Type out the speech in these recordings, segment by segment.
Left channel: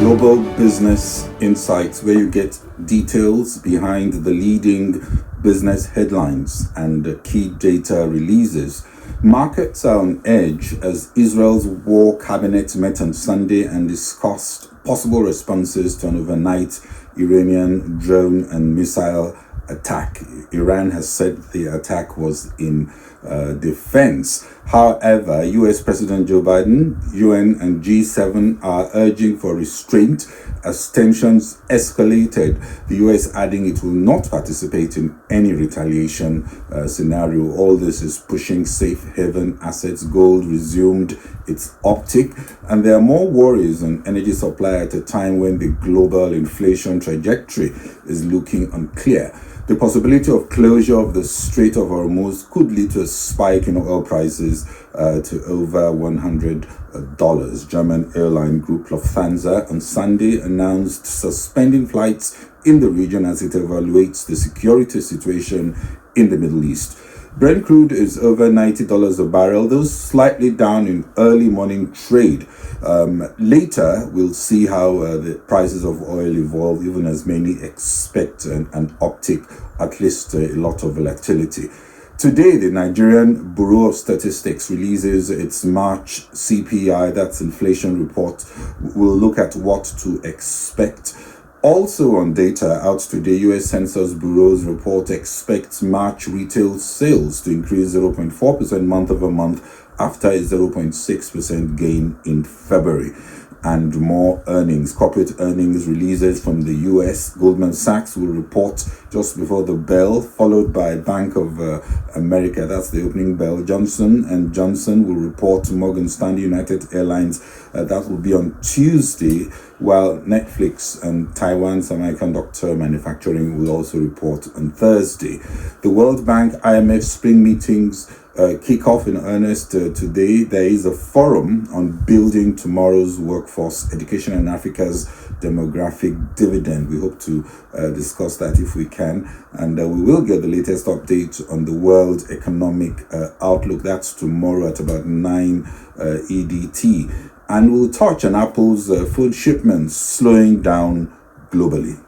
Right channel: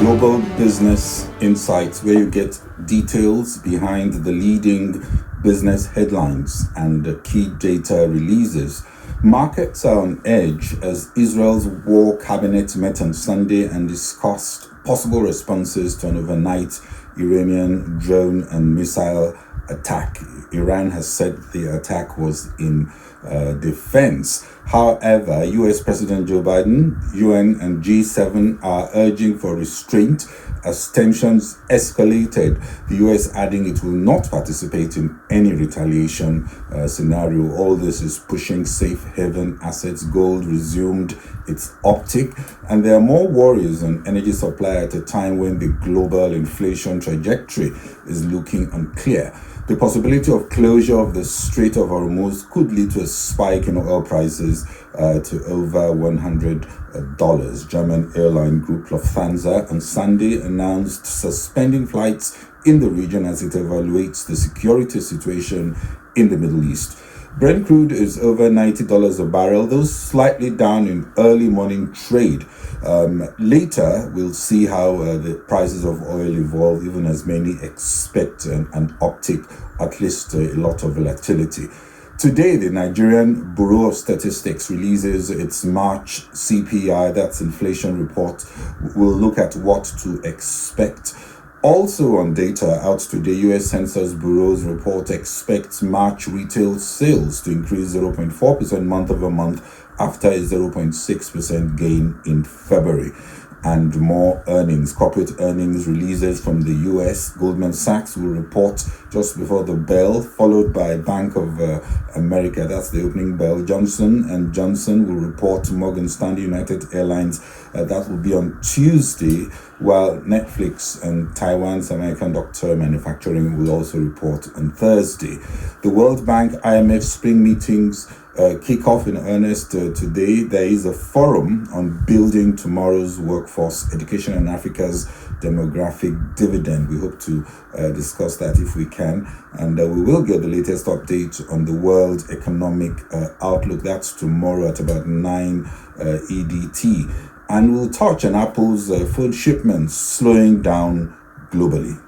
Global Business Insights, where you get details behind the leading business headlines and key data releases. Markets are on edge as Israel's war cabinet met on Sunday and discussed possible responses to an overnight Iranian drone and missile attack. Iran has said the attack was in defense. However, US President Joe Biden, UN and G7 are urging for restraint as tensions escalated, the US adding it will not participate in any retaliation scenario. All this is pushing safe haven assets. Gold resumed its uptick, and there are more worries on energy supply at a time when the global inflation trajectory is looking unclear. The possibility of closure of the Strait of Hormuz could lead to a spike in oil prices to over $100. German airline group Lufthansa on Sunday announced suspending flights in the region as it evaluates the security situation in the Middle East. Brent crude is over $90 a barrel, though slightly down in early morning trade. Later, we'll see how the prices of oil evolve, even as many expect an uptick, at least a lot of volatility. Today, the Nigerian Bureau of Statistics releases its March CPI, that's inflation report. We'll look at what to expect. Also on data out today, US Census Bureau's report expects March retail sales to increase 0.4% month over month after a 0.6% gain in February. And more earnings, corporate earnings releases from the US. Goldman Sachs will report just before the bell, followed by Bank of America. That's the opening bell. Johnson & Johnson will report. Morgan Stanley, United Airlines. That will be on Tuesday, while Netflix and Taiwan Semiconductor Manufacturing will also report on Thursday. The World Bank IMF spring meetings kick off in earnest today. There is a forum on building tomorrow's workforce, education and Africa's demographic dividend. We hope to discuss that if we can, and we will get the latest update on the world economic outlook. That's tomorrow at about 9 EDT, and we'll touch on Apple's food shipments slowing down globally.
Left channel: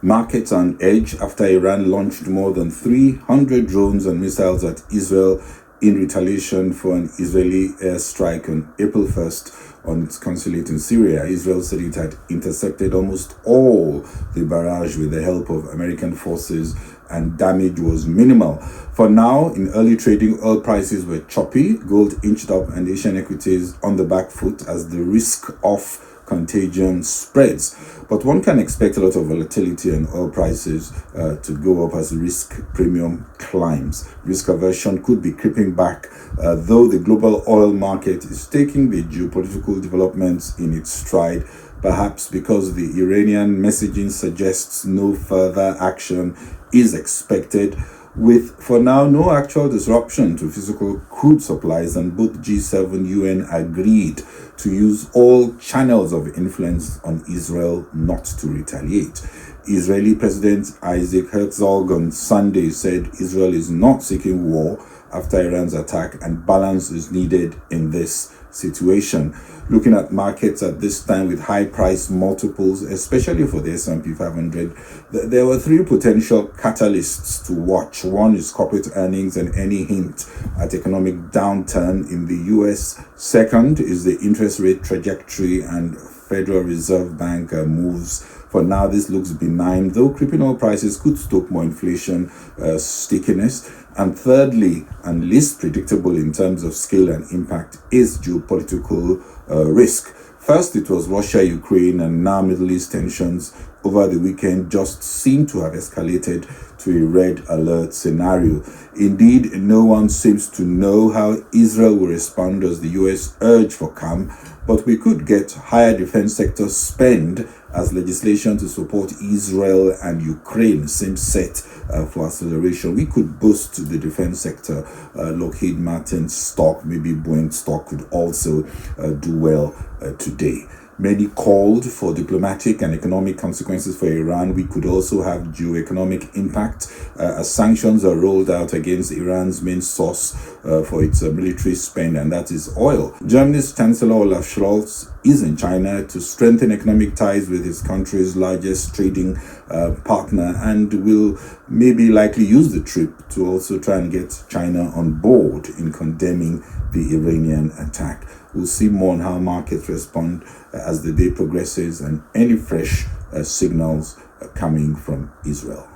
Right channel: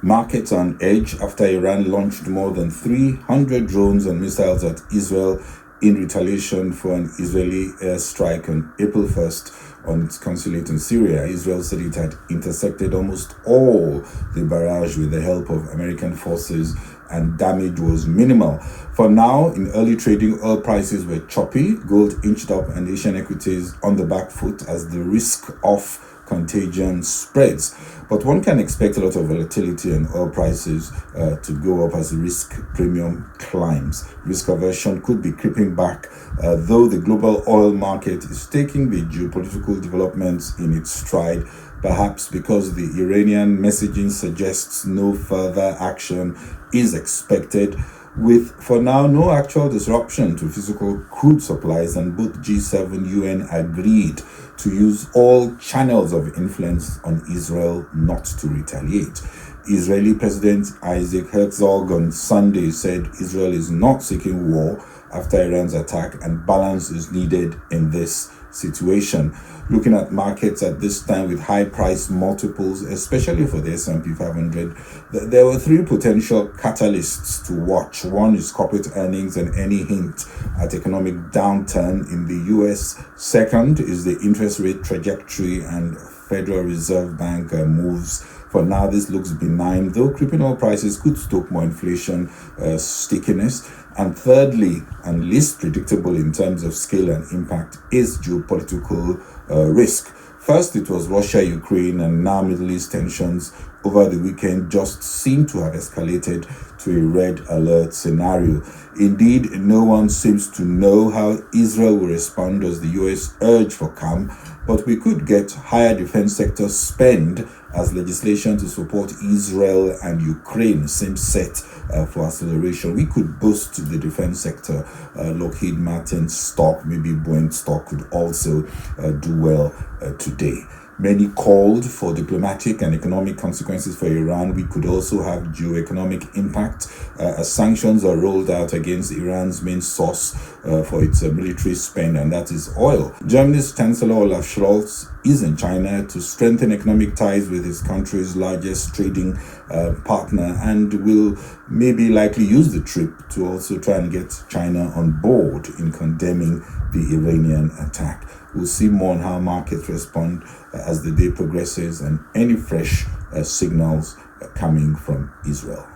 Markets on edge after Iran launched more than 300 drones and missiles at Israel in retaliation for an Israeli airstrike on April 1st on its consulate in Syria. Israel said it had intercepted almost all the barrage with the help of American forces, and damage was minimal. For now, in early trading, oil prices were choppy, gold inched up, and Asian equities on the back foot as the risk of contagion spreads. But one can expect a lot of volatility in oil prices to go up as risk premium climbs. Risk aversion could be creeping back, though the global oil market is taking the geopolitical developments in its stride, perhaps because the Iranian messaging suggests no further action is expected, with for now no actual disruption to physical crude supplies, and both G7 UN agreed to use all channels of influence on Israel not to retaliate. Israeli President Isaac Herzog on Sunday said Israel is not seeking war after Iran's attack, and balance is needed in this situation. Looking at markets at this time with high price multiples, especially for the S&P 500, there were three potential catalysts to watch. One is corporate earnings and any hint at economic downturn in the US. Second is the interest rate trajectory and Federal Reserve Bank moves. For now, this looks benign, though creeping oil prices could stoke more inflation stickiness. And thirdly, and least predictable in terms of scale and impact, is geopolitical risk. First, it was Russia, Ukraine, and now Middle East tensions over the weekend just seem to have escalated to a red alert scenario. Indeed, no one seems to know how Israel will respond as the US urge for calm, but we could get higher defense sector spend as legislation to support Israel and Ukraine seems set for acceleration. We could boost the defense sector. Lockheed Martin stock, maybe Boeing stock could also do well today. Many called for diplomatic and economic consequences for Iran. We could also have geoeconomic impact as sanctions are rolled out against Iran's main source for its military spend, and that is oil. Germany's Chancellor Olaf Scholz is in China to strengthen economic ties with his country's largest trading partner, and will maybe likely use the trip to also try and get China on board in condemning the Iranian attack. We'll see more on how markets respond as the day progresses and any fresh signals coming from Israel.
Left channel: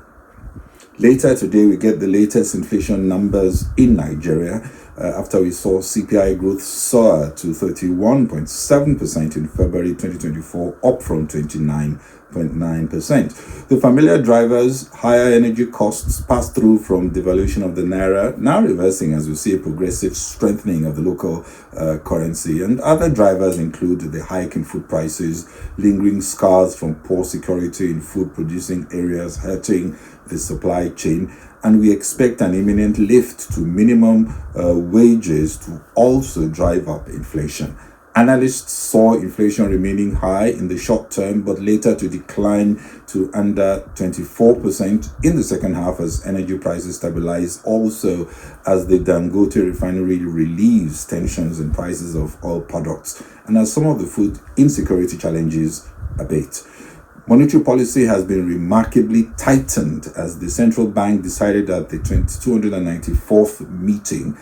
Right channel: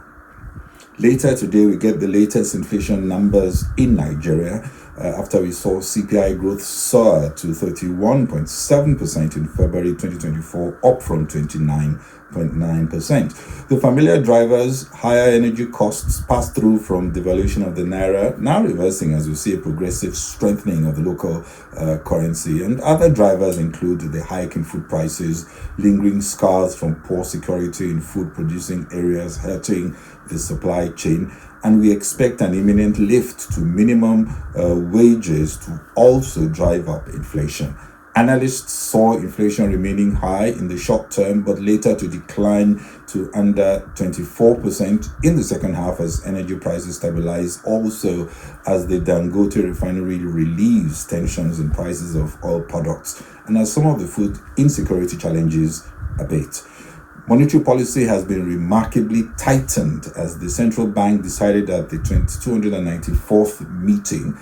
Later today, we get the latest inflation numbers in Nigeria after we saw CPI growth soar to 31.7% in February 2024, up from 29.9%. The familiar drivers, higher energy costs passed through from devaluation of the naira, now reversing as we see a progressive strengthening of the local currency. And other drivers include the hike in food prices, lingering scars from poor security in food producing areas hurting the supply chain, and we expect an imminent lift to minimum wages to also drive up inflation. Analysts saw inflation remaining high in the short term, but later to decline to under 24% in the second half as energy prices stabilize, also as the Dangote refinery relieves tensions in prices of oil products, and as some of the food insecurity challenges abate. Monetary policy has been remarkably tightened as the central bank decided at the 294th meeting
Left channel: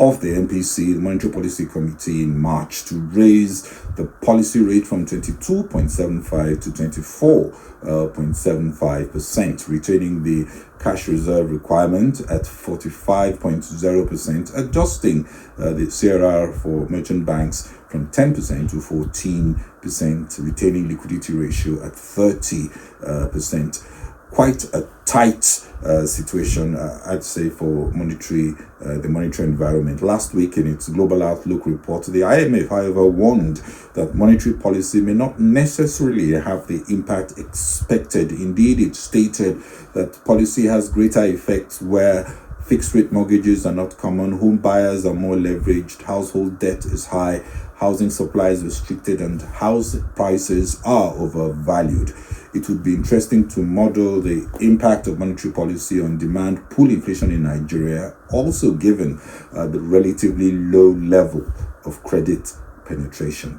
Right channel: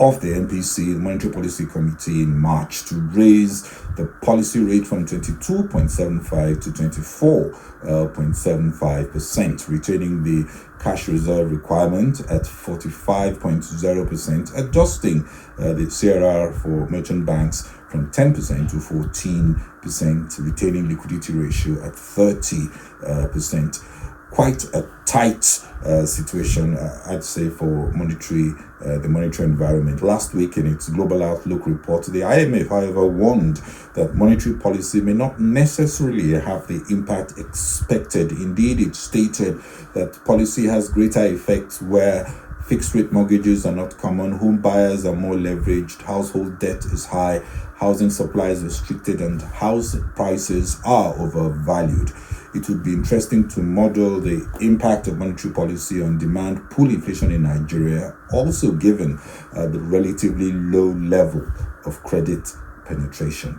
of the MPC, the Monetary Policy Committee, in March to raise the policy rate from 22.75 to 24.75%, retaining the cash reserve requirement at 45.0%, adjusting the CRR for merchant banks from 10% to 14%, retaining liquidity ratio at 30%. Quite a tight situation, I'd say, for the monetary environment. Last week, in its Global Outlook report, the IMF, however, warned that monetary policy may not necessarily have the impact expected. Indeed, it stated that policy has greater effects where fixed rate mortgages are not common, home buyers are more leveraged, household debt is high, housing supply is restricted, and house prices are overvalued. It would be interesting to model the impact of monetary policy on demand pull inflation in Nigeria, also given the relatively low level of credit penetration.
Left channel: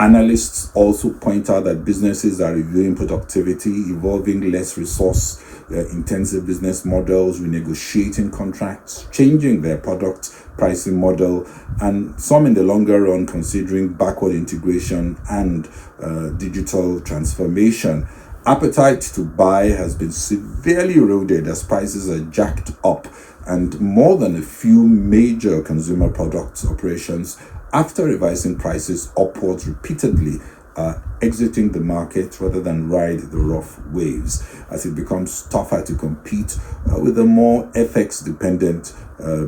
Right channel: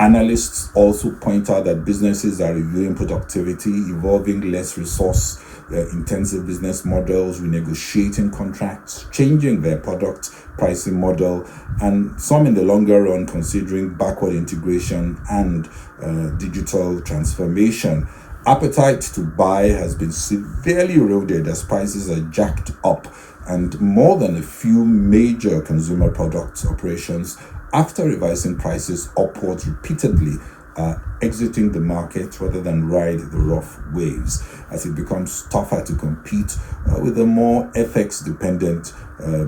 Analysts also point out that businesses are reviewing productivity, evolving less resource intensive business models, renegotiating contracts, changing their product pricing model, and some in the longer run considering backward integration and digital transformation. Appetite to buy has been severely eroded as prices are jacked up, and more than a few major consumer products operations, after revising prices upwards repeatedly, are exiting the market rather than ride the rough waves as it becomes tougher to compete with a more FX-dependent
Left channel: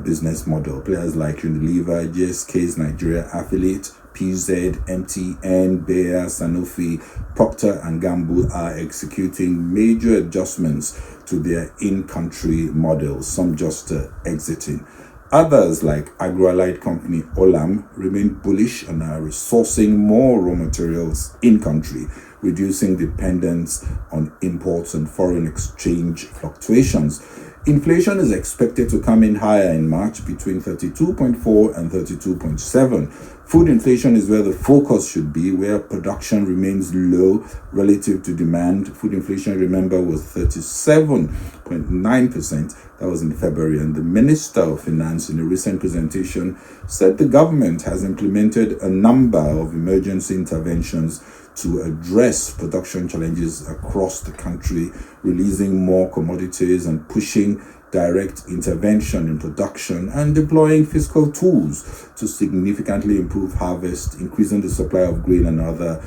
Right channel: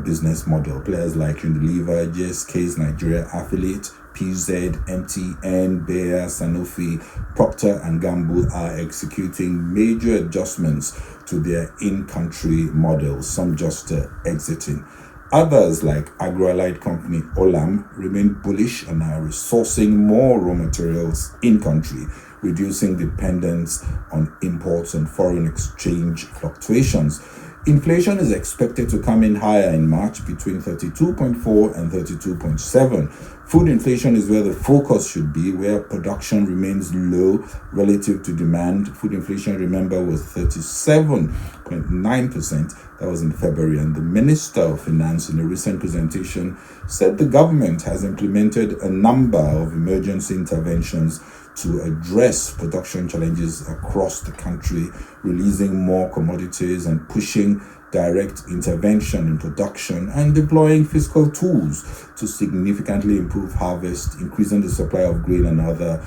business model. Players like Unilever, GSK's Nigeria affiliate, PZ, MTN, Bayer, Sanofi, Procter & Gamble are executing major adjustments to their in-country models, some just exiting. Others, like agro-allied company Olam, remain bullish and are resourcing more raw materials in-country, reducing dependence on imports and foreign exchange fluctuations. Inflation is expected to come in higher in March, between 32.4 and 32.7. Food inflation is where the focus should be, where production remains low relative to demand. Food inflation, remember, was 37.9%. That was in February. And the Minister of Finance, in a recent presentation, said the government has implemented a number of emergency interventions to address production challenges across the country, releasing more commodities and pushing direct intervention in production and deploying fiscal tools to significantly improve harvest, increasing the supply of grain and other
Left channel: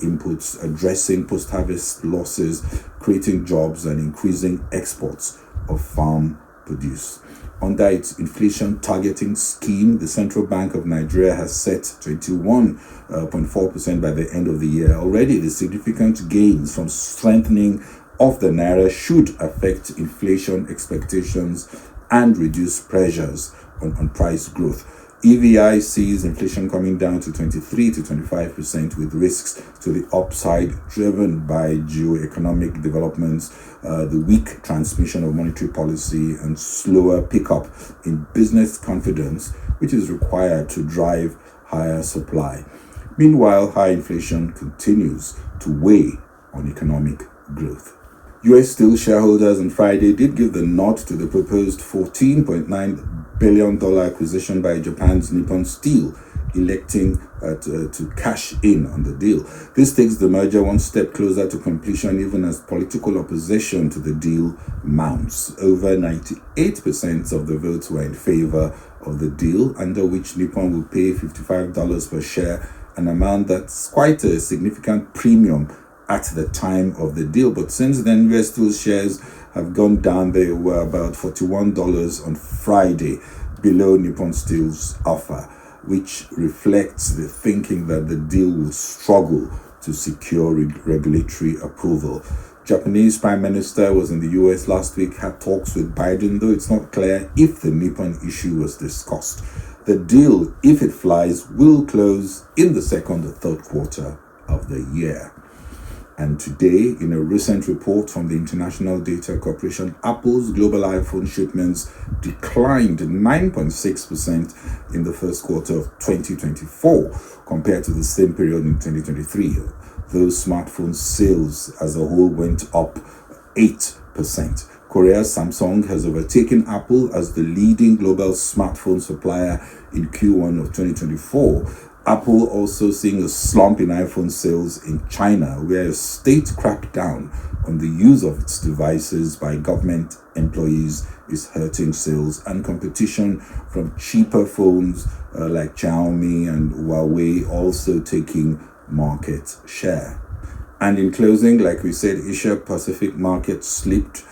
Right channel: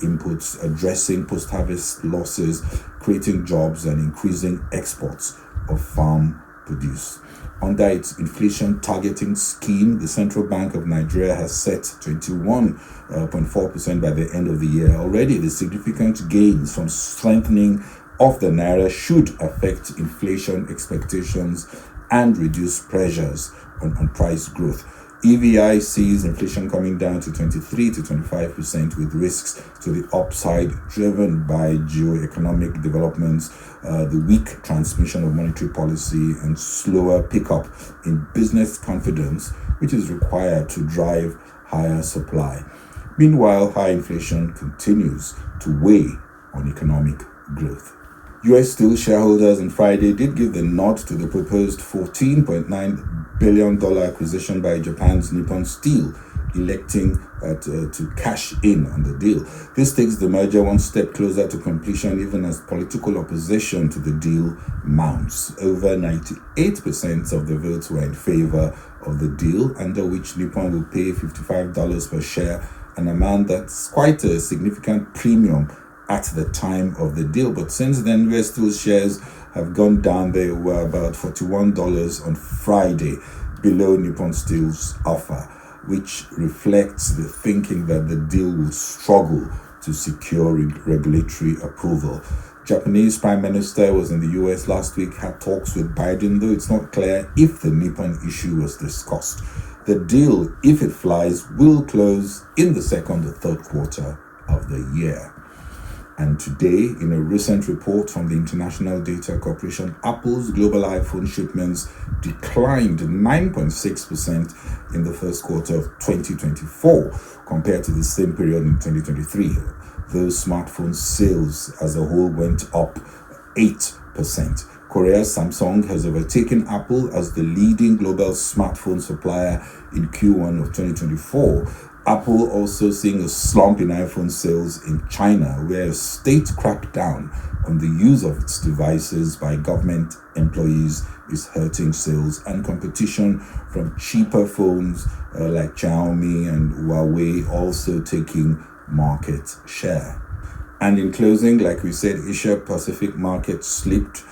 inputs, addressing post-harvest losses, creating jobs, and increasing exports of farm produce. Under its inflation targeting scheme, the Central Bank of Nigeria has set 21.4% by the end of the year. Already, the significant gains from strengthening of the naira should affect inflation expectations and reduce pressures on price growth. EVI sees inflation coming down to 23 to 25%, with risks to the upside driven by geoeconomic developments, the weak transmission of monetary policy, and slower pickup in business confidence, which is required to drive higher supply. Meanwhile, high inflation continues to weigh on economic growth. US Steel shareholders on Friday did give the nod to the proposed $14.9 billion acquisition by Japan's Nippon Steel, electing to cash in on the deal. This takes the merger one step closer to completion, even as political opposition to the deal mounts. Over 98% of the votes were in favor of the deal, under which Nippon will pay $55 per share, an amount that's quite a significant premium at the time of the deal. But since then, US Steel shares have gone down. They were about $41 on Friday, below Nippon Steel's offer, which reflects the thinking that the deal will struggle to secure regulatory approval. Japanese Prime Minister was in the US last week, had talks with Biden, though it's not clear if the Nippon issue was discussed. The deal, if it flies, will close in the second or third quarter of the year. And today, in a recent report from the International Data Corporation, Apple's global iPhone shipments declined 9.6% in the first quarter of 2024 compared to the same period in 2023. Those smartphone sales as a whole went up 8%. Korea's Samsung has overtaken Apple as the leading global smartphone supplier in Q1 of 2024. Apple also seeing a slump in iPhone sales in China, where a state crackdown on the use of its devices by government employees is hurting sales, and competition from cheaper phones like Xiaomi and Huawei also taking market share. And in closing, like we said, Asia Pacific market slipped,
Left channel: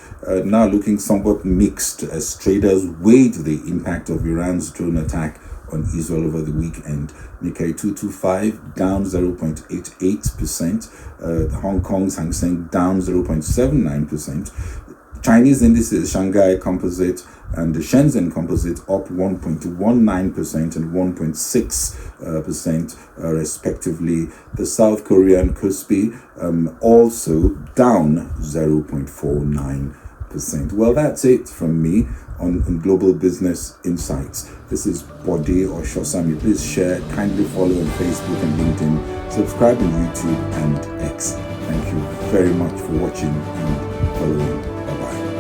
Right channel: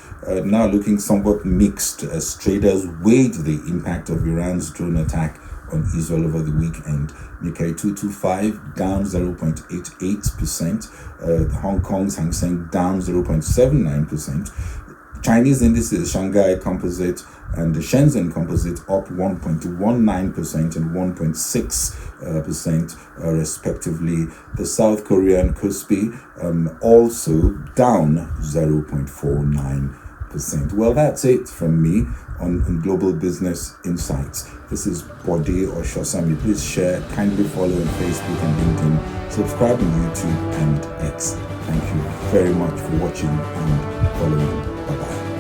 now looking somewhat mixed as traders weighed the impact of Iran's drone attack on Israel over the weekend. Nikkei 225 down 0.88%. Hong Kong's Hang Seng down 0.79%. Chinese indices, Shanghai Composite and the Shenzhen Composite up 1.19% and 1.6% respectively. The South Korean Kospi also down 0.49%. Well, that's it from me on Global Business Insights. This is Bode or Shosami. Please share, kindly follow on Facebook and LinkedIn, subscribe on YouTube and X. Thank you very much for watching and following. Bye-bye.